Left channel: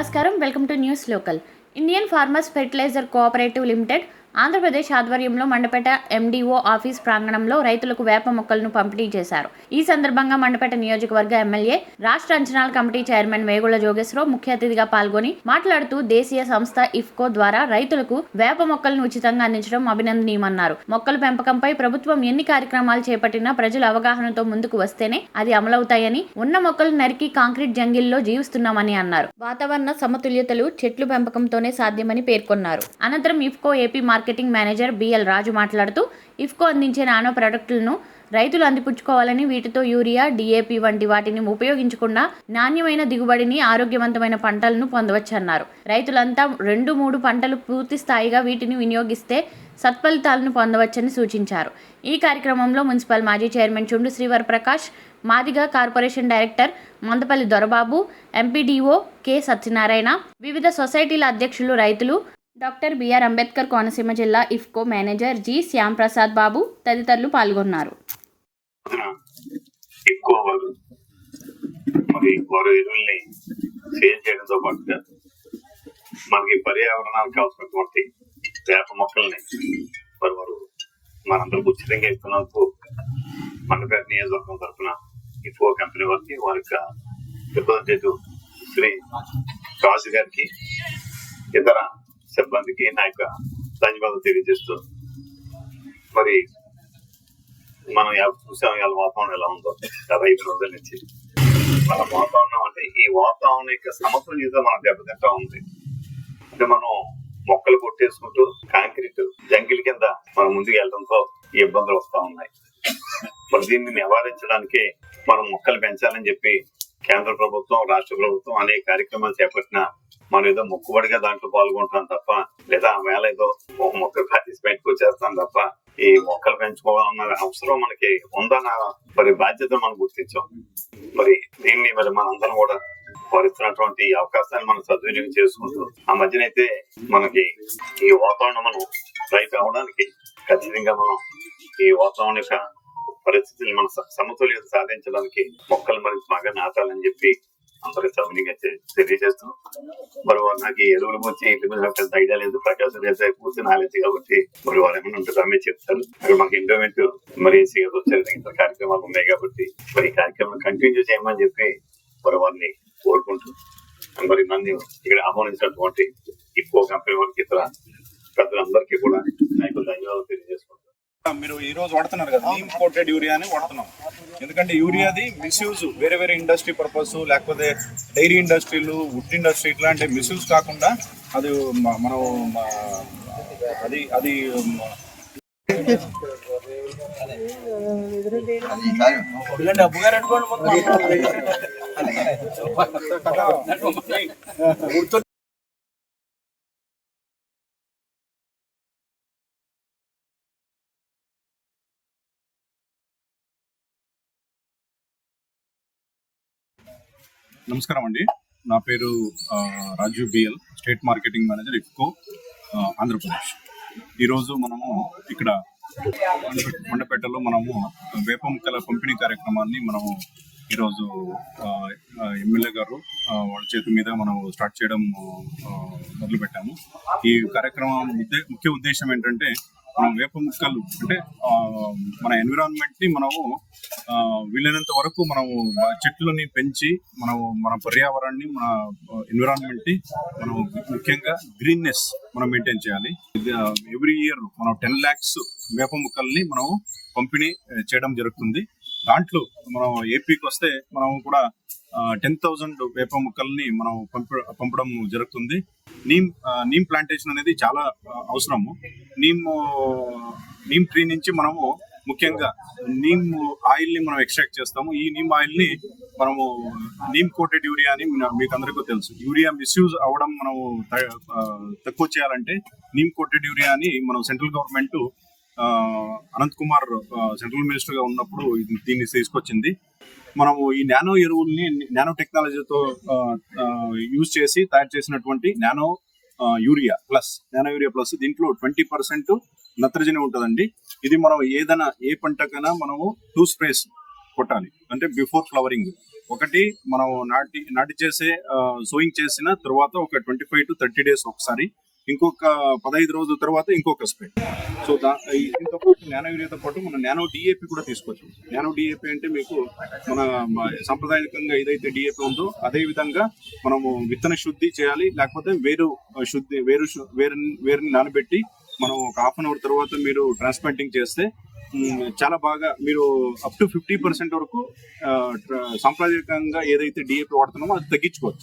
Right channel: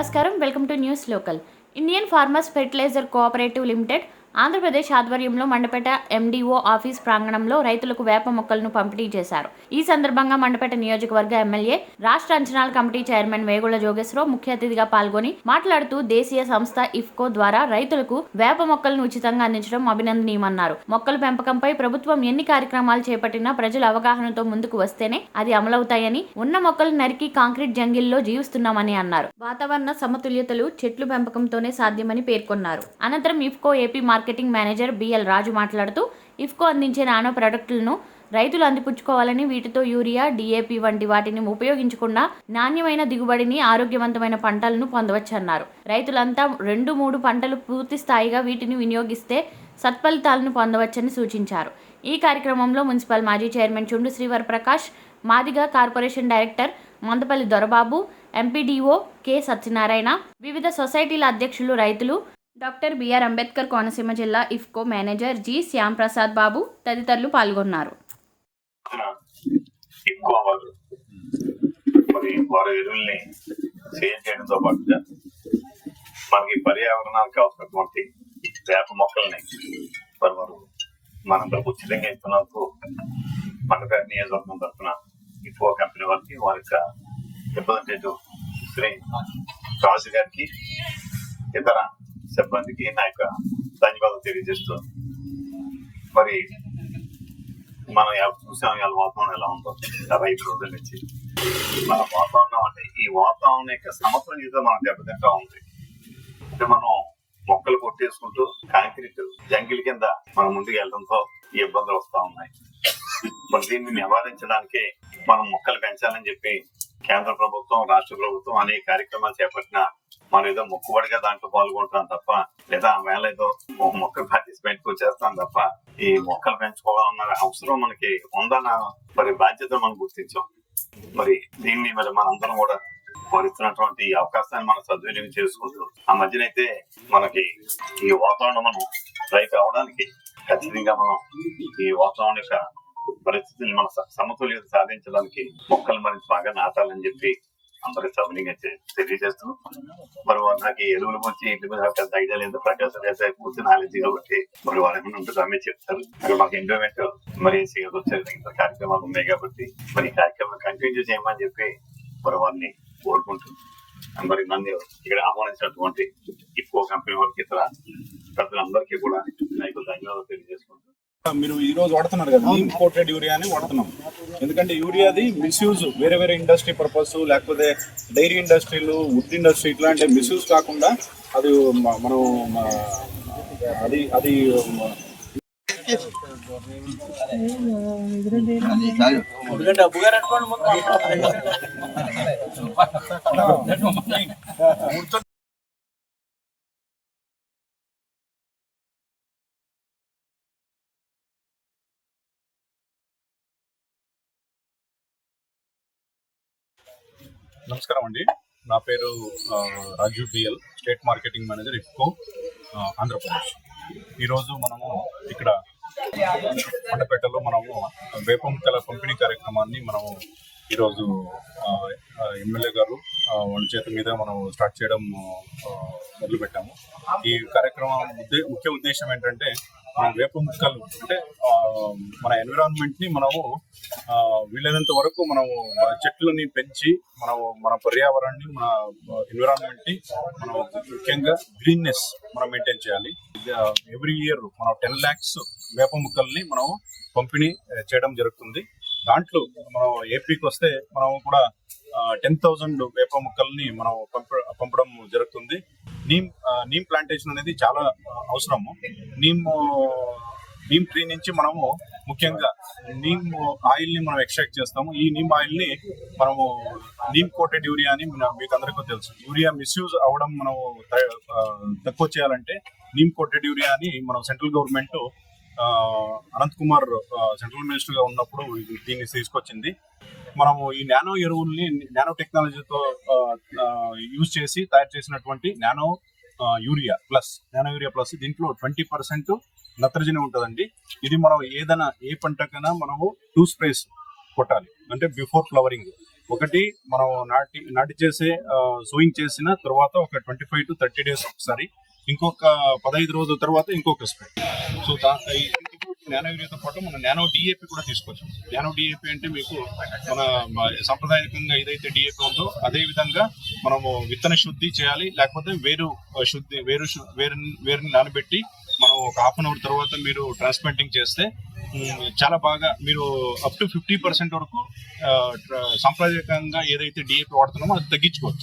నమస్కారం. Welcome to news local. Indian farmers fertiliser cooperative limited Andhra Pradesh ఆధ్వర్యంలో Mandapeta MDO office ప్రాంగణంలో రైతులకు వేప మొక్కలను పంపిణీ చేశారు. ఈ సందర్భంగా మండపేట నియోజకవర్గ ఎమ్మెల్యే రాష్ట్ర అంచనాల కమిటీ చైర్మన్ వేగుళ్ళ జోగేశ్వరరావు ముఖ్య అతిథిగా పాల్గొని మాట్లాడుతూ దేశీయ సంస్థ ఇఫ్కో ద్వారా రైతులకు వేప మొక్కలను ఉచితంగా అందించడం అభినందనీయమన్నారు. మొక్కల పెంపకంపై ప్రభుత్వం ఎన్ని కార్యక్రమాలు చేపట్టినా ప్రజల అవగాహనతో ముందుకు వస్తేనే అది అమలవుతాయని ఉన్న మొక్కలు నరికి కాంక్రీట్ జంగిల్లో జీవిస్తున్నామని అన్నారు. వాతావరణ సమతుల్యతలు చెట్లు పెంపకంతోనే సాధ్యమని పేర్కొన్నారు. అనంతరం IFFCO AP marketing manager BL Raju మాట్లాడుతూ ఇఫ్కో అందించే నానో ప్రొడక్టులను రైతులు అందిపుచ్చుకోవాలని వీటితో యూరియా డిఏపి వంటి వాటిని ఉపయోగించకుండా నాణ్యమైన దిగుబడిని ఆరోగ్యవంతమైన పంటలను పొందవచ్చన్నారు. రైతులంతా రెండు మూడు పంటలు పూర్తి స్థాయిగా వీటిని వినియోగిస్తే సత్ఫలితాలను పొందవచ్చని సూచించారు. ఈ కార్యక్రమంలో మున్సిపల్ మాజీ chairman Chundu Srivar Prakash Madiga corporation director Mandapalli Dorababu MPDO K Satyanarayana వివిధ సొసైటీల అధ్యక్షులు రైతులు డాక్టర్ బిఆర్ అంబేద్కర్ కోనసీమ జిల్లా IFFCO manager G. Shyam Prasad Babu తదితరులు పాల్గొన్నారు. ఎక్కువ వాళ్ళు మరి వారు ఎరువుల్ని సేల్ చేయడంతో పాటుగా మనకి పర్యావరణానికి అవసరమైనటువంటి వేప మొక్కల్ని మరి వారు మనందరూ ఉచితంగా ఇస్తున్నందుకు మండపేట నియోజకవర్గం తరఫున ఇఫో కంపెనీ వారికి వారి యొక్క రిప్రజెంటేటివ్ శ్రీ రాజు గారికి ఇతర సిబ్బందికి నా యొక్క ధన్యవాదాలు తెలియజేస్తూ మరి మనం ఎలా చూసాం ఇవాళ వాతావరణం ఎలా ఉందో గత ఐదు రోజుల నుంచి. మన వాతావరణం అంటే ఈ వాతావరణం యొక్క సమతుల్యత మనం దెబ్బతింటా ఉంది. అంటే మనం మొక్కలు కొట్టేసుకుంటూ కాంక్రీట్ జంగిల్ కింద మనం ముందుకు వెళ్ళడంతో ఈ ఇబ్బందులు వస్తా ఉన్నాయి. మరి దీన్ని నివారించడానికి మనం మొక్కలు పెంచాలని చెప్పి కేంద్ర ప్రభుత్వం రాష్ట్ర ప్రభుత్వం అనేక కార్యక్రమాలు చేపట్టిన మనం ఏదో మొక్కుబడిగా దాంట్లో పాల్గొంటున్నాం తప్ప లేదా ఆ వేళ ఏదో మొక్కలు పార్టిసిపేట్ చేస్తాం తప్ప ఈ మొక్కలు పెంచుకోవాలన్న అవసరం మనకి ఉందన్న మరి బాధ్యత మనం గుర్తించాం. మరి దీన్ని మరి మనందరం కూడా వారిస్తున్నటువంటి అవకాశాన్ని మనం సద్వినియోగం చేసుకుంటూ ఆ మధ్యనైతే మనకి ఈ వాతావరణం మనం రైతు అవడానికి ఖచ్చితంగా మనం ఈ వాతావరణం యొక్క పరిస్థితిని మన సమతుల్యత సాధించడానికి మొక్కలు మరింత బాగా నాటాలని చెప్పి అందరికి సవినీయంగా తె- తెలియజేస్తూ మరి వారు నాకు ఈ ఎరువుల గురించి ఇంటి మీద పెద్ద ఐడియా లేదు ప్రకాశం రేసే పూర్తి నాలెడ్జ్ కాబట్టి మరి వారు ఏమైనా ఉంటుందో ఆమె చెప్తారు. మరి మాకు ఎండోమెంట్ మరి సీఎస్ వచ్చేది ఇంత కార్యక్రమాలు ఉన్నాయి కాబట్టి మరి ఈ కార్యక్రమం కంటిన్యూ చేయమని చెప్పి మరి వారిని కోరుకుంటూ మరి నన్ను ఇక్కడ ఆహ్వానించినటువంటి ఇఫ్కో కంపెనీ వారికి ఇతర ప్రజలందరికీ కూడా నాకు మీరు ఈ రోజు వాడుతున్నారు కదా నీమ్ కోటెడ్ యూరియా అని వాడుతున్నాం. ఎందుకంటే యూరియాది మిస్యూజ్ వేరే వేరే ఇండస్ట్రీ పర్పస్ లేకపోతే డైరీ ఇండస్ట్రీలు వుడ్ ఇండస్ట్రీ ఇట్లాంటి మిస్యూజ్ కాకుండా అది మనం అది అది మ- నమస్కారం అండి. నా పేరు Raju BL state marketing manager IFFCO Andhra Pradesh. ఈరోజు మనము ఇక్కడ మండపే- మండపేటలో మనము వేప ముక్కల పంపిణీ కార్యక్రమాన్ని మనము ఈరోజు ఎమ్మెల్యే గారు వాళ్ళ చేతి మీద మనం స్టార్ట్ చేయడం మొదలుపెట్టాము. ఈ కార్యక్రమం ముఖ్య ఉద్దేశం ఏంటంటే మనం వేప ముక్కలు అంటే మన ఎన్విరాన్మెంట్ని మనము వీలైనంత వరకు మనము చెట్లని పెంచి మనము మన పర్యావరణాన్ని మన ఎన్విరాన్మెంట్ని మనం ముఖ్యంగా గ్రీన్నెస్ మనం మెయింటైన్ చేయాలి. ఎవ్రీ ఇయర్ మనం టెన్ ల్యాక్స్ వేప ముక్కల్ని మనం పంపిణీ చేయడం జరుగుతుంది. దాంట్లో మనం ఏపీకి వస్తే మనం కూడా టెన్ థౌజండ్ వేప ముక్కల్ని మనం పంప పంపడం జరుగుతుంది. నీమ్ నీమ్ ప్లాంటేషన్ అనేది చాలా అవసరము. నీమ్ నీమ్ ట్రీ నుంచి మనము ముఖ్యంగా నీమ్ ఆయిల్ని మనం ఎక్స్ట్రాక్ట్ చేస్తాము. ఈ నీమ్ ఆయిల్ని మనము నీమ్ కోటెడ్ యూరియా అని మీకు అందరికీ తెలుసు. యూరియా మిస్యూజ్ అవ్వడం మనం తక్కువ చేయాలంటే నీమ్ కోటెడ్ యూరియా అని మనం central government Ananth Kumar central మినిస్టర్గా ఉన్నప్పుడు దీన్ని తీసుకొచ్చింది. మనము ఈ నానో ఎరువుల్ని నానో టెక్నాలజీతో యూజ్ చేసి తయారు చేసినటువంటి nano urea plus nano urea plus దీంట్లో ట్వంటీ పర్సెంట్ నత్రజని ఉంటుందండి. ఇది మనం ఏదైనా ఏ పంటకైనా మనము టూ స్ప్రేస్ కొట్టాలి. అంటే బిఫోర్ ఫ్లవరింగ్. ఒకటి మనం నాటి నాటి చేసే సోయింగ్ చేసిన తర్వాత ఒక twenty five to thirty days ఒకసారి ఇంకొక పదహైదు రోజుల తర్వాత ఇంకొక స్ప్రే సో దా దీంతో పాటు నానో యూరియాతో పాటు మన నానో డిఏపి కూడా తీసుకొచ్చాం. నానో డిఏపి అంటే మీకు మన సాంప్రదాయకంగా ఏదైతే డిఏపి ఉందో అదే విధంగా మనము విత్తన శుద్ధి చేయాలి లేకపోతే వేరు శుద్ధి వేరు వేరు వేరుని నానబెట్టి మనం ఒక హాఫ్ అన్ అవర్ తర్వాత మీరు ట్రాన్స్ప్లాంటింగ్ చేస్తే చాలా బాగా మీరు అప్ టు ఫిఫ్టీ పర్సెంట్ వరకు సాంప్రదాయకంగా ఏదైతే డిఏపి వాడుతున్నామో అది తగ్గించుకోవచ్చు.